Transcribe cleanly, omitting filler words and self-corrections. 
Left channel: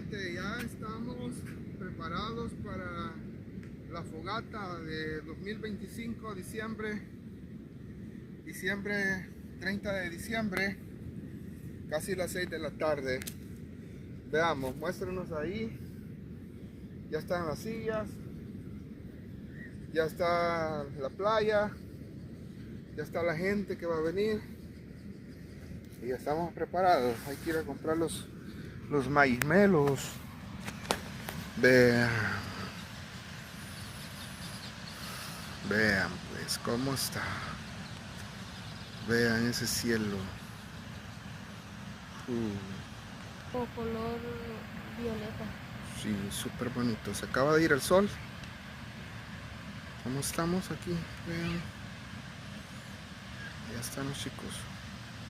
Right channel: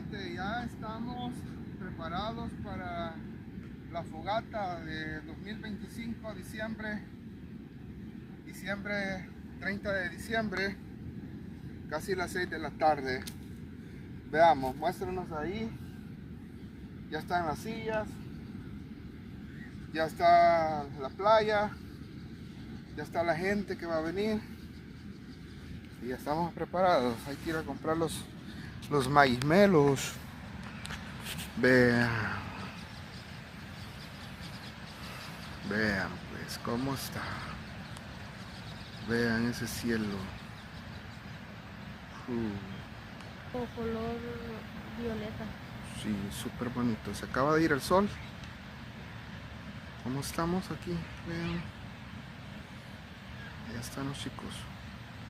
gente, ya estamos preparados para la fogata de 2025, diciembre 30 de diciembre, casi las 6 de la tarde. Veamos, muéstranos ahí. Ya están las sillas, ya está la playa, ya está la gente que va a venir y ya estamos preparados. Hay que ir a comprar los maízmelos. Vean pues cómo está. Vean ese cielo. O color violeta. Sí, súper bonito. Se acaba de ir el sol. ¿Cómo estamos aquí? Vean. Ya están los chicos.